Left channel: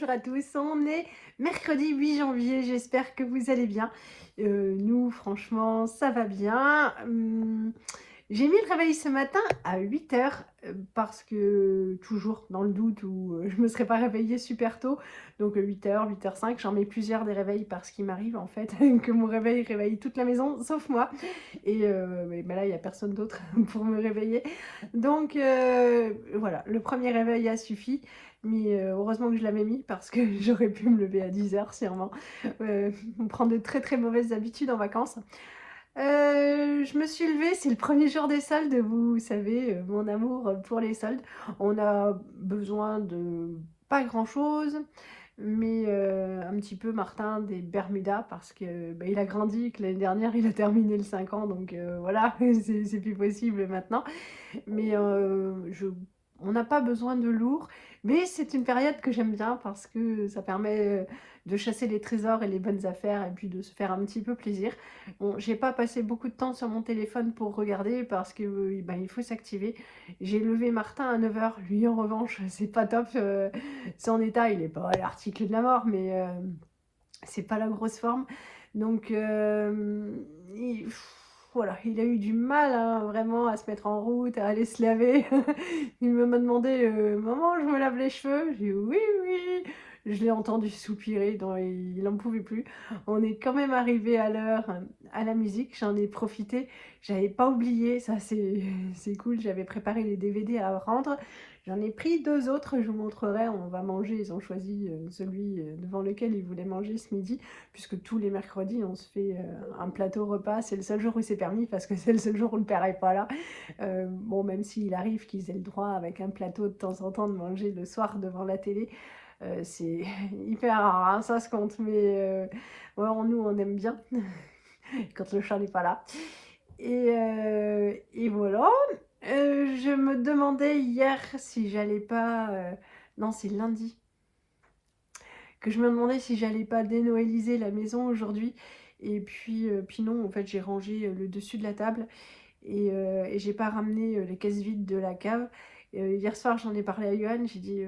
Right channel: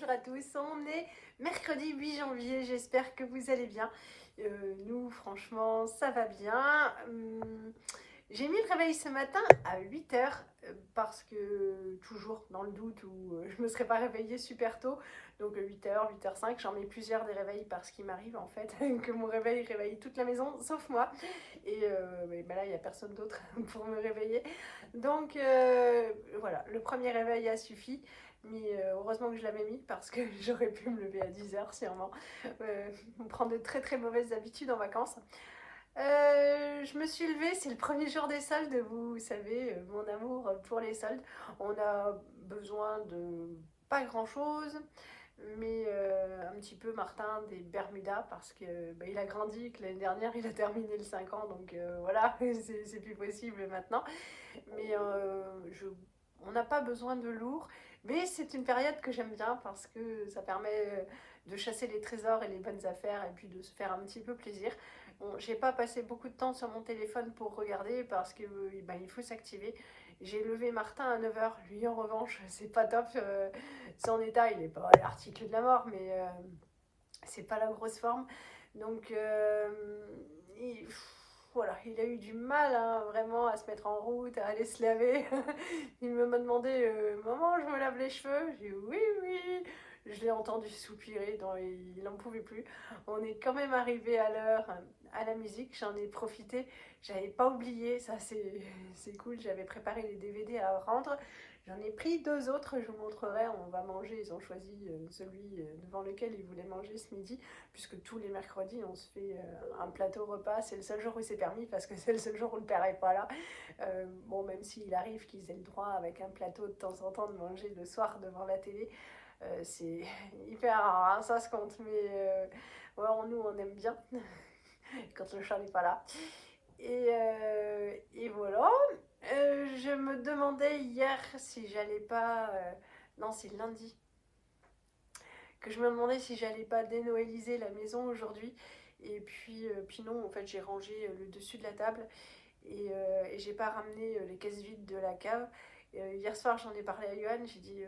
bonjour à tous, on est mercredi 8 janvier, j'espère que vous allez bien. Nous franchement ça va bien. J'ai mis le réveil ce matin à 8 h parce que toujours dans le doute où je me serais pas réveillée super tôt. Donc 8 h, 8 h 05, j'en mets plusieurs des réveils parce qu'il m'arrive en fait que mon réveil réveille toute la maison sauf moi. Et ben là il n'y a personne d'autre pour me réveiller. Donc voilà, le premier réveil a suffi. Mais heureusement que je l'avais mis parce que j'aurais pu me lever à 10 h sûrement. On prend de très très mauvaises habitudes en vacances. Je me suis levée, c'est le premier jour des soldes, vous savez, mon amour pour les soldes. On a besoin de pas grand chose, mais un petit peu Martin des Bermudas parce que bah, il a grandi, que l'année dernière il a terminé le 5 ans, donc voilà, c'est plus possible maintenant. Mais on n'a pas besoin de lourd. Mais c'est une période que j'aime bien parce que ça permet de chasser les trésors et les bonnes affaires et puis de se faire un petit peu plaisir. Bon, j'ai pas passé beaucoup de temps sur mon téléphone pour regarder parce que ben, il faut s'activer. J'ai levé Martin à 9 h. Lui, en revanche, c'est pas top. Son état, il est pas à l'article de la mort, mais c'est pas la grosse forme. Donc, voilà, il a eu du mal hein, vraiment à se mettre en route, à aller se laver. Il m'a demandé maman, je me lave les cheveux. J'ai dit oui, oui. Je l'ai entendu soupirer, il n'en pouvait plus. On est quand même arrivé à l'heure à la musique, j'en ai profité. J'avais pas oublié, ça c'est cool, j'avais préparé les DVD à rendre. J'en ai pris deux autres, je vous montrerai, on va manger. Ils ont choisi celui devant lequel ils voulaient manger ce midi, puisque tous les mercredis on se fait un plateau repas. C'est le seul jour où c'est permis parce que c'est le seul jour où le père est pas là. Bon, même s'il arrive qu'ils aient le droit avec un plateau de temps en temps de manger le soir devant la télé, c'est hyper rare, hein, ça se compte, mais ouais, nous on aime bien quand le chat n'est pas là. Et voilà. Je me demandais hier si j'allais pas. Non, c'est lundi. Que je me demandais si j'allais pas dénoëliser la maison aujourd'hui. Et puis non, en fait, j'ai rangé le dessus de la table et j'ai pas ramené les caisses vides de la cave. Hier soir, j'en ai parlé à Johan. J'ai dit.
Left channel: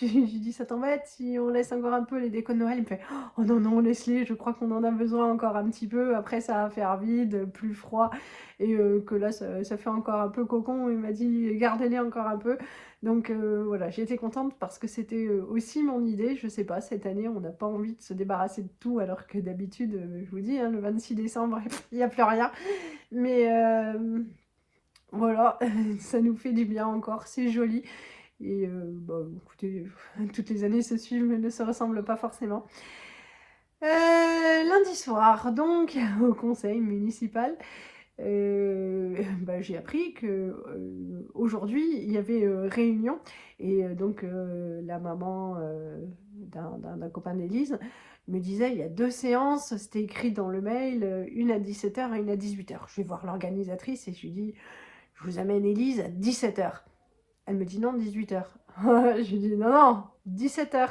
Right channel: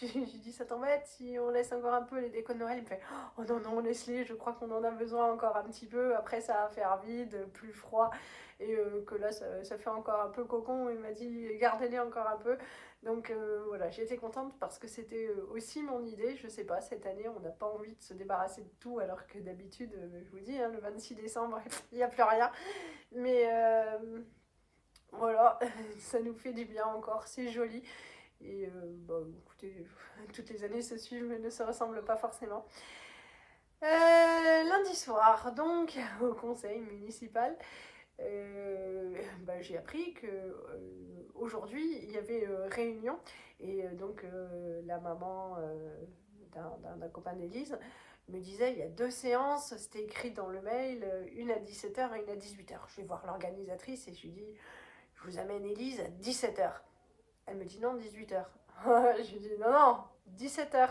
J'ai dit, ça t'embête si on laisse encore un peu les décos de Noël? Il me fait, oh non, non, laisse-les, je crois qu'on en a besoin encore un petit peu. Après, ça va faire vide, plus froid. Et que là, ça fait encore un peu cocon. Il m'a dit, gardez-les encore un peu. Donc voilà, j'ai été contente parce que c'était aussi mon idée. Je sais pas, cette année, on n'a pas envie de se débarrasser de tout, alors que d'habitude, je vous dis, hein, le 26 décembre, il n'y a plus rien. Mais voilà, ça nous fait du bien encore, c'est joli. Et bah, écoutez, toutes les années se suivent mais ne se ressemblent pas forcément. Lundi soir, donc, au conseil municipal, bah, j'ai appris que aujourd'hui il y avait réunion et donc la maman d'un copain d'Élise me disait il y a deux séances, c'était écrit dans le mail, une à 17 h et une à 18 h. Je vais voir l'organisatrice et je lui dis je vous amène Élise à 17 h. Elle me dit non, 18 h. Je lui dis non, non, 17 h.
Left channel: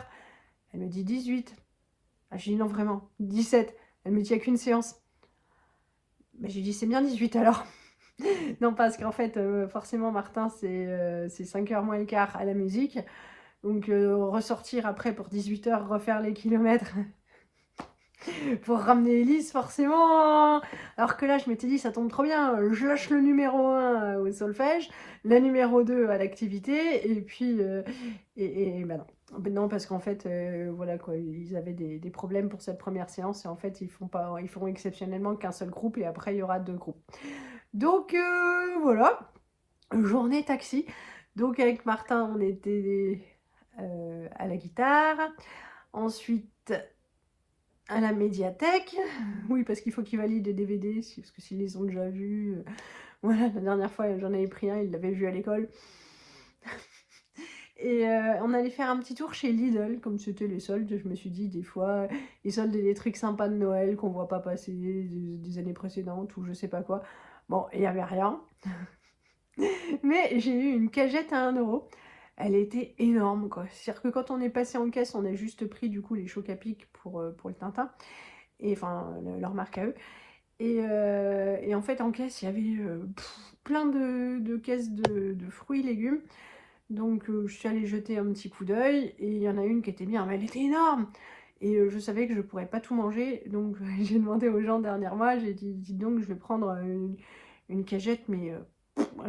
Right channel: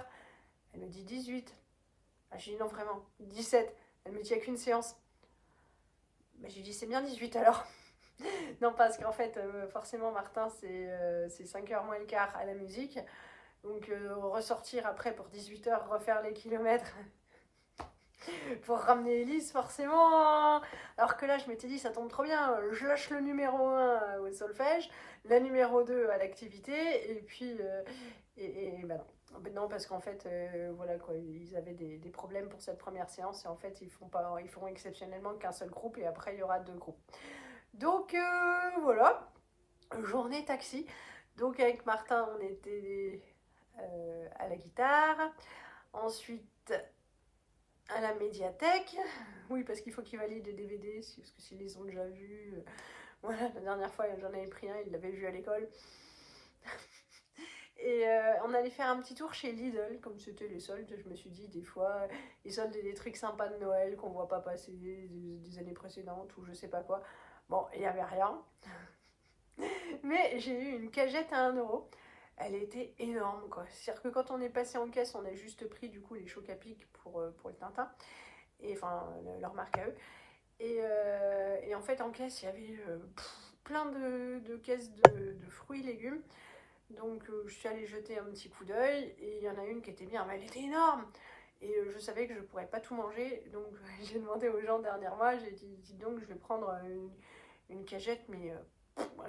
Elle me dit 18. Ah, je lui dis non, vraiment, 17. Elle me dit il n'y a qu'une séance. Mais je lui dis c'est bien 18 alors. Non, parce qu'en fait, forcément, Martin, c'est 5 h moins le quart à la musique. Donc, ressortir après pour 18 h, refaire les kilomètres pour ramener Elise, forcément. Alors que là, je m'étais dit, ça tombe trop bien. Je lâche le numéro 1 au solfège, la numéro 2 à l'activité, et puis. Bah non. Non, parce qu'en fait, voilà quoi, ils avaient des problèmes pour cette première séance, et en fait, ils feront exceptionnellement qu'un seul groupe, et après, il y aura deux groupes. Donc, voilà. Journée taxi. Donc, avec Martin, on était à la guitare. Ensuite, à la médiathèque. Oui, parce qu'il faut qu'ils valident les DVD, parce que s'ils les ont déjà vus. Voilà, la dernière fois, j'en avais pris un, ils l'avaient vu à l'école. Et on allait faire un petit tour chez Lidl, comme c'était les soldes. Je me suis dit, des fois, ils soldent des trucs sympas de Noël qu'on voit pas passer des années précédentes ou je sais pas quoi. Bon, il n'y avait rien. Mais j'ai eu une cagette à 1 €. Elle était énorme, quoi. C'est-à-dire que quand on est passé en caisse, on a juste pris du coup les chocs à pic pour le Tintin. Et enfin, leur marque à eux. Et en fait, en caisse, il y avait plein de caisses de fruits et légumes. Donc je suis allée jeter un petit coup d'œil et il y en a une qui était bien, mais elle était énorme. Et je savais que je pourrais pas tout manger, donc j'ai demandé aux gens derrière moi, j'ai dit, dites donc, je vais prendre une cagette, mais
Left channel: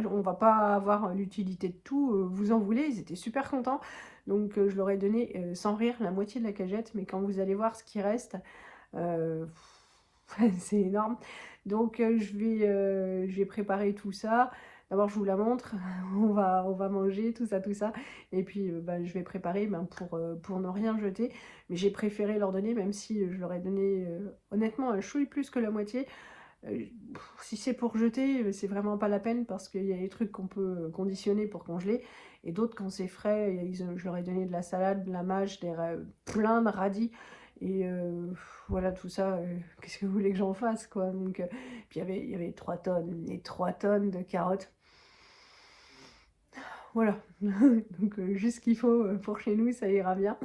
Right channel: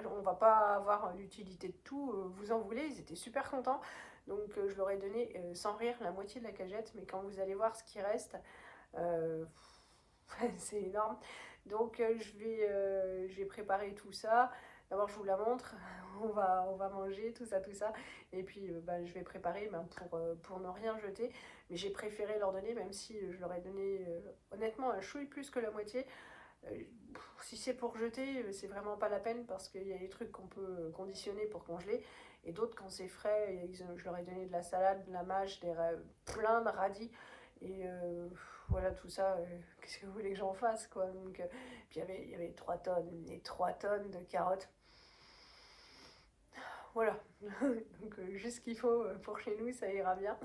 on va pas avoir l'utilité de tout, vous en voulez, ils étaient super contents. Donc je leur ai donné, sans rire, la moitié de la cagette, mais quand vous allez voir ce qui reste, euh, c'est énorme. Donc je vais préparer tout ça. D'abord je vous la montre, on va manger, tout ça, tout ça. Et puis bah, je vais préparer pour ne rien jeter. Mais j'ai préféré leur donner, même si je leur ai donné honnêtement un chouille plus que la moitié. Si c'est pour jeter, c'est vraiment pas la peine parce qu'il y a des trucs qu'on peut conditionner pour congeler. Et d'autres, quand c'est frais, je leur ai donné de la salade, de la mâche, plein de radis. Et voilà, tout ça, qu'est-ce que vous voulez que j'en fasse, quoi. Donc, puis il y avait 3 tonnes, et 3 tonnes de carottes. Voilà, donc juste ce qu'il faut pour chez nous, ça ira bien.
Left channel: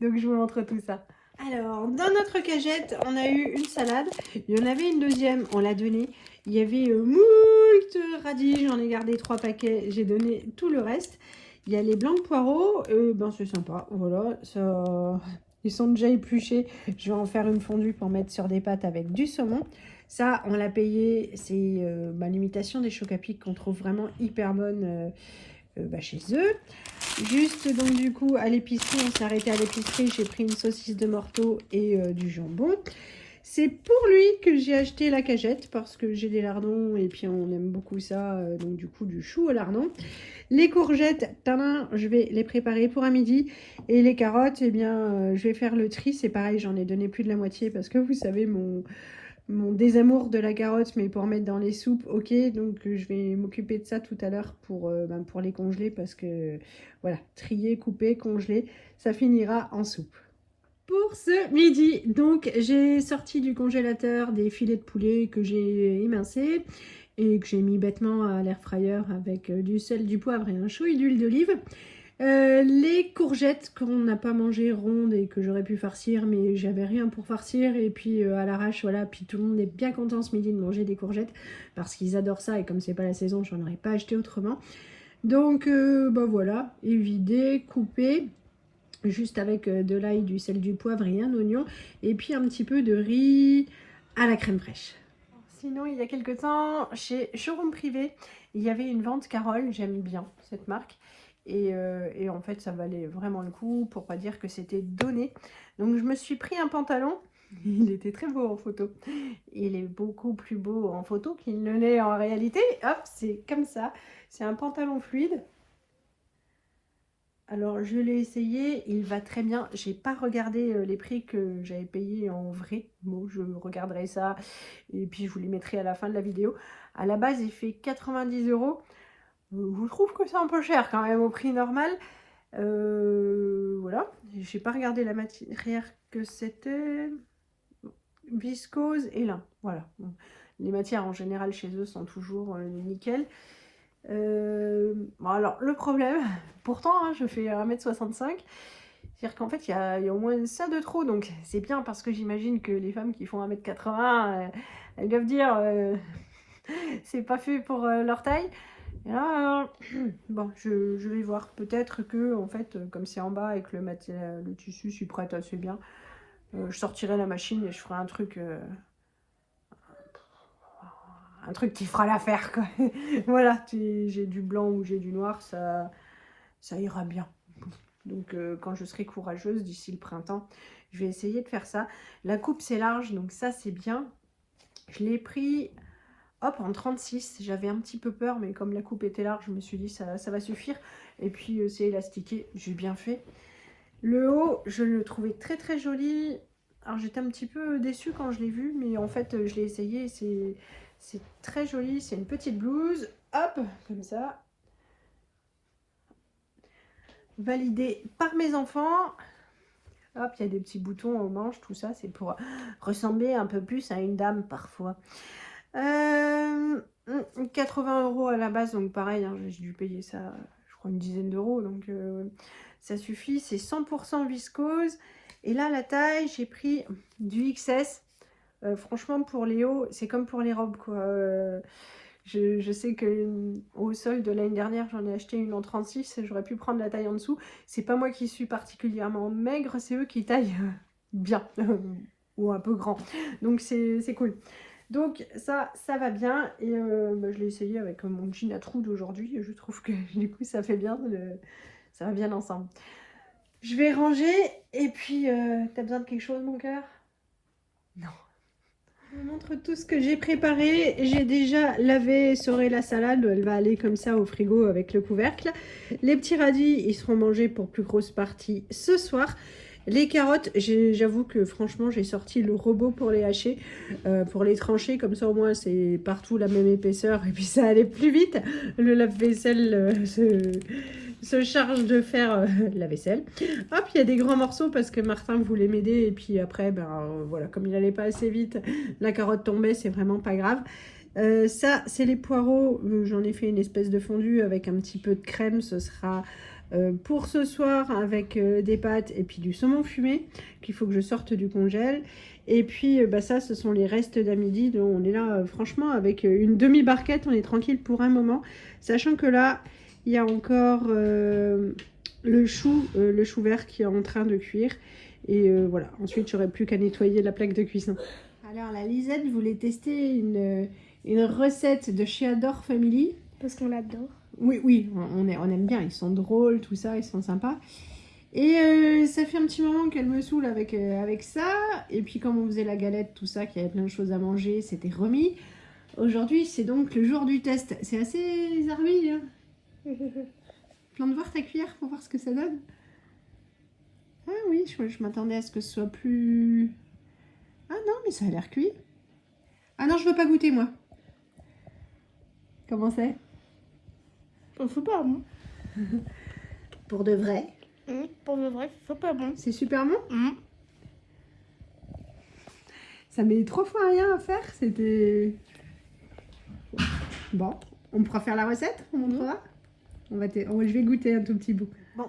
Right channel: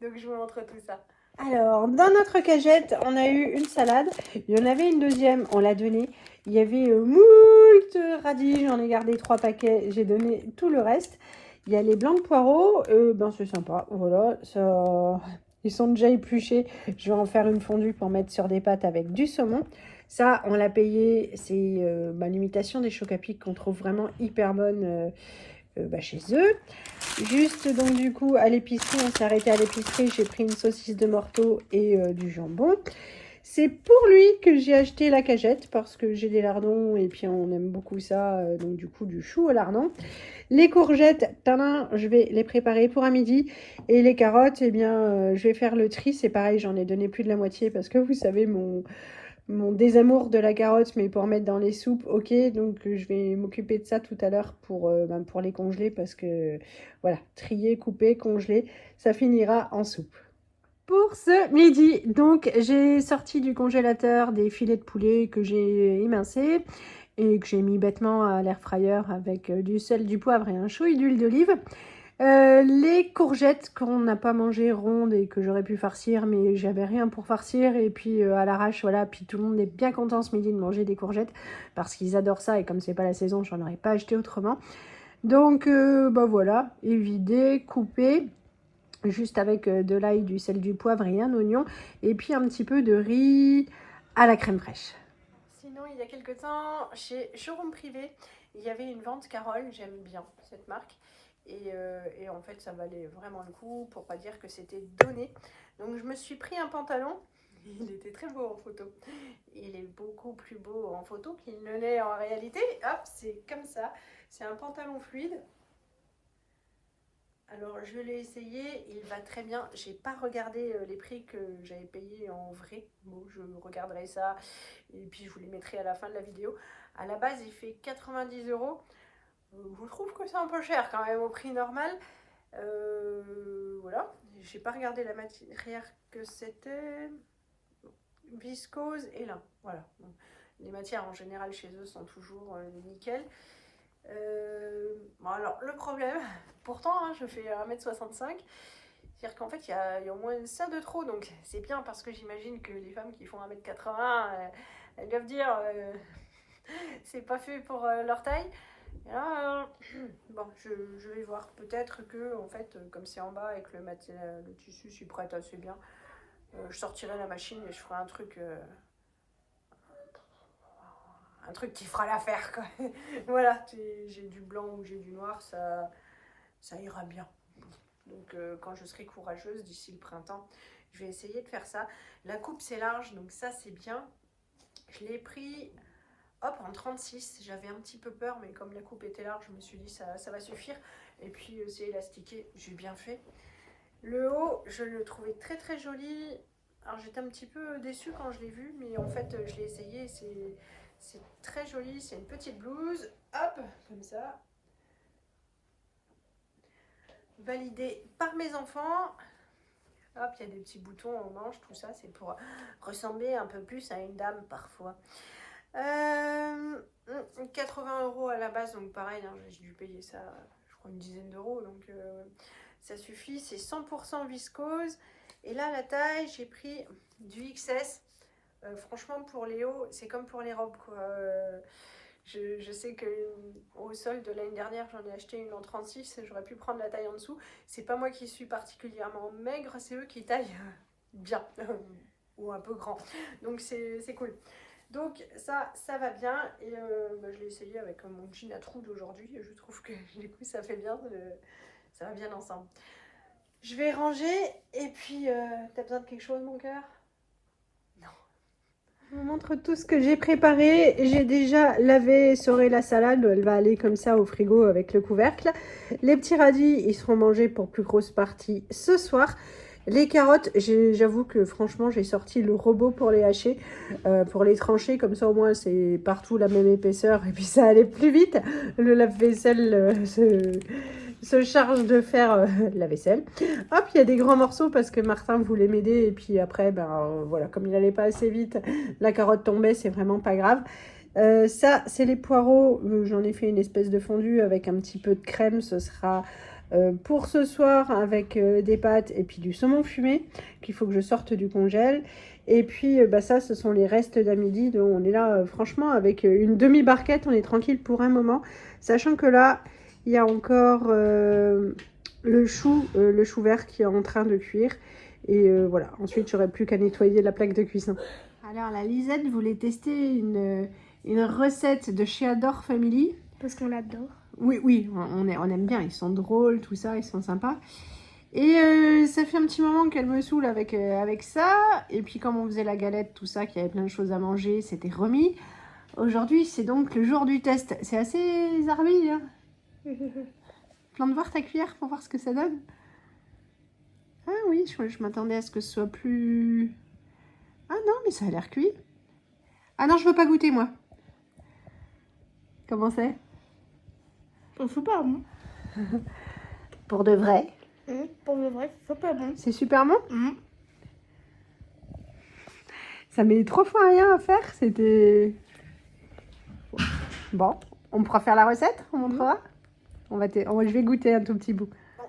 Donc je vous montre tout ça. Alors, dans notre cagette, on a eu une salade. Il y en avait une deuxième, on l'a donnée. Il y avait moult radis, j'en ai gardé 3 paquets. J'ai donné tout le reste. Il y a les blancs de poireaux, ben c'est sympa. Voilà, ça... Ils sont déjà épluchés. Je vais en faire une fondue pour mettre sur des pâtes avec du saumon. Ça, on l'a payé. C'est l'imitation des chocs à pic qu'on trouve vraiment hyper bonne chez eux. Juste donc du coup à l'épicerie, on s'est arrêté à l'épicerie, j'ai pris une saucisse de morteau et du jambon. C'est pour lui que j'ai acheté la cagette parce que j'ai des lardons et puis on aime beaucoup ça, donc du coup du chou au lardon. Les courgettes, tadam, je vais les préparer pour à midi. Et les carottes, eh bien je vais faire le tri, c'est pareil, j'en ai donné plus de la moitié parce que vous savez mon désamour de la carotte, mais pour mettre dans les soupes, ok. Donc je vais m'occuper de ça tout à l'heure pour les congeler parce que voilà, trier, couper, congeler, ça finira en soupe. Pour ce midi, donc j'ai sorti du congélateur des filets de poulet que j'ai émincés et que j'ai mis bêtement à l'air fryer avec du sel, du poivre et un chouille d'huile d'olive. Les courgettes qu'on n'a pas mangé rondes et que j'aurais pu farcir, mais j'avais rien pour farcir. Et puis à l'arrache, voilà. Puis tout le monde est bien content ce midi de manger des courgettes parce qu'ils adorent ça. Et comme c'est pas la saison, j'en aurais pas acheté autrement. Donc bah voilà, évider, couper, juste avec de l'ail, du sel, du poivre et un oignon. Et puis un petit peu de riz à la crème fraîche. Sinon, il y a quelques temps, chez Showroom Privé, il y avait une vente Carole, j'aime bien cette marque. Et en fait, ça valait vraiment le coup, pour pas dire que c'était donné. Donc, je me suis pris un pantalon. Il était très beau en photo. Il est beaucoup plus beau en photo qu'il ne l'est en réalité. Hop, c'est comme ça. C'est un pantalon fluide. Alors, je l'ai essayé, il va très bien. J'ai pas regardé les prix que j'avais payés en vrai. Bon, je regarderai ça et puis je vous les mettrai à la fin de la vidéo. À la base, il fait 90 €. Je trouve que c'est un peu cher quand même au prix normal. Voilà, j'ai pas regardé la matière que c'était. Viscose et lin, voilà. Les matières en général chez eux sont toujours nickel. Bon, alors le problème, pourtant hein, je fais 1,65 m, c'est-à-dire qu'en fait il y a au moins ça de trop, donc c'est bien parce que j'imagine que les femmes qui font 1,80 m, elles doivent dire c'est pas fait pour leur taille. Et là, bon, je vais voir. Peut-être que, en fait, comme c'est en bas et que le tissu s'y prête assez bien, je sortirai la machine et je ferai un truc qui fera l'affaire, quoi. Voilà, j'ai du blanc ou j'ai du noir, ça ira bien. Donc, quand je serai courageuse d'ici le printemps, je vais essayer de faire ça. La coupe, c'est large, donc ça, c'est bien. Je l'ai pris... Hop, en 36, j'avais un petit peu peur, mais comme la coupe était large, je me suis dit ça va suffire. Et puis c'est élastiqué, j'ai bien fait. Le haut, je le trouvais très très joli. Alors j'étais un petit peu déçue quand je l'ai vu, mais en fait je l'ai essayé, c'est très joli. C'est une petite blouse, hop, comme ça. Validée par mes enfants. Hop, il y a des petits boutons aux manches, tout ça, c'est pour ressembler un peu plus à une dame parfois. 80 € à la base, donc pareil, hein, j'ai dû payer ça, je crois, une dizaine d'euros, donc ça suffit. C'est 100% viscose. Et là, la taille, j'ai pris du XS. Franchement, pour les hauts, c'est comme pour les robes, quoi. Je sais que au sol de l'année dernière, j'en ai acheté une en 36. J'aurais pu prendre la taille en dessous. C'est pas moi qui suis particulièrement maigre, c'est eux qui taillent bien ou un peu grand. Donc c'est cool. Donc ça va bien. Et je l'ai essayé avec mon jean à trous d'aujourd'hui. Je trouve que du coup ça fait bien. Ça va bien ensemble. Je vais ranger. Et puis, t'as besoin de quelque chose, mon cœur? Non. Je vous montre tout ce que j'ai préparé. J'ai déjà lavé, essoré la salade. Elle va aller comme ça au frigo avec le couvercle. Les petits radis, ils seront mangés pour plus grosse partie ce soir. Les carottes, j'avoue que franchement, j'ai sorti le robot pour les hacher, pour les trancher. Comme ça, au moins, c'est partout la même épaisseur. Et puis, ça allait plus vite. Le lave-vaisselle se charge de faire la vaisselle. Hop, il y a des grands morceaux parce que Martin voulait m'aider. Et puis après, voilà, comme il n'allait pas assez vite, la carotte tombait, c'est vraiment pas grave. Ça, c'est les poireaux. J'en ai fait une espèce de fondue avec un petit peu de crème. Ce sera pour ce soir avec des pâtes et puis du saumon fumé qu'il faut que je sorte du congèle. Et puis ça, ce sont les restes d'à midi. Donc on est là, franchement, avec une demi-barquette, on est tranquille pour un moment. Sachant que là, il y a encore le chou vert qui est en train de cuire. Et voilà, ensuite, j'aurai plus qu'à nettoyer la plaque de cuisson. Alors, la Lisette voulait tester une recette de Sheador Family. Parce qu'on l'adore. Oui, on aime bien. Ils sont drôles, tout ça, ils sont sympas. Et ça fait un petit moment qu'elle me saoule avec ça. Et puis, comme on faisait la galette, tout ça, qu'il y avait plein de choses à manger, c'était remis. Aujourd'hui, c'est donc le jour du test. C'est assez zarbi, hein. Plan de voir ta cuillère pour voir ce que ça donne. Ah oui, je m'attendais à ce que ce soit plus... Ah non, mais ça a l'air cuit. Ah non, je veux pas goûter, moi. Comment c'est? C'est pas bon. Pour de vrai. Pour le vrai, c'est pas bon. C'est super bon. Ça met 3 fois rien à faire. C'était... Bon, on pourra faire la recette, on montrera. Je vais goûter un tout petit bout. Bon,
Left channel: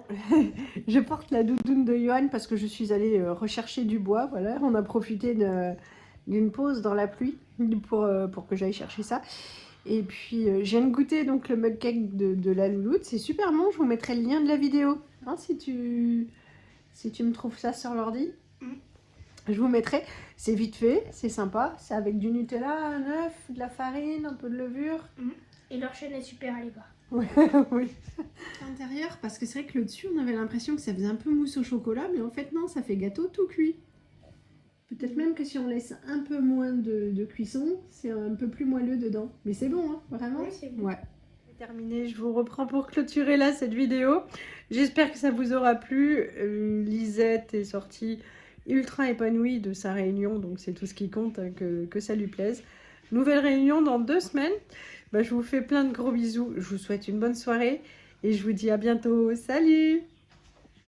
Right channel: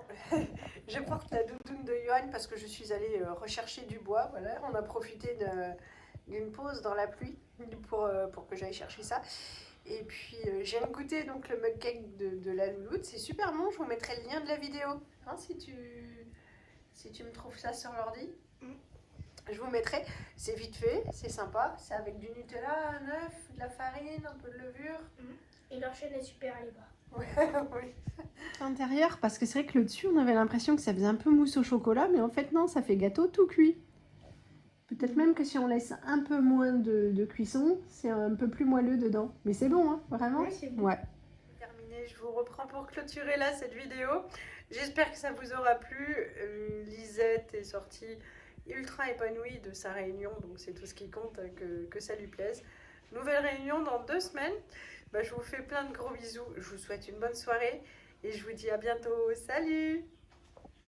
je porte la doudoune de Johan parce que je suis allée rechercher du bois. Voilà, on a profité d'une pause dans la pluie pour que j'aille chercher ça. Et puis, je viens de goûter donc, le mug cake de la louloute. C'est super bon, je vous mettrai le lien de la vidéo. Hein, si tu me trouves ça sur l'ordi. Je vous mettrai. C'est vite fait, c'est sympa. C'est avec du Nutella, un œuf, de la farine, un peu de levure. Et leur chaîne est super, allez voir. Ouais, oui. L'intérieur, parce que c'est vrai que le dessus, on avait l'impression que ça faisait un peu mousse au chocolat, mais en fait non, ça fait gâteau tout cuit. Peut-être même que si on laisse un peu moins de cuisson, c'est un peu plus moelleux dedans. Mais c'est bon, hein, vraiment. Oui, c'est bon. Ouais. C'est terminé, je vous reprends pour clôturer là cette vidéo. J'espère que ça vous aura plu. Lisette est sortie ultra épanouie de sa réunion, donc c'est tout ce qui compte, hein, que ça lui plaise. Nouvelle réunion dans 2 semaines. Je vous fais plein de gros bisous. Je vous souhaite une bonne soirée et je vous dis à bientôt. Salut!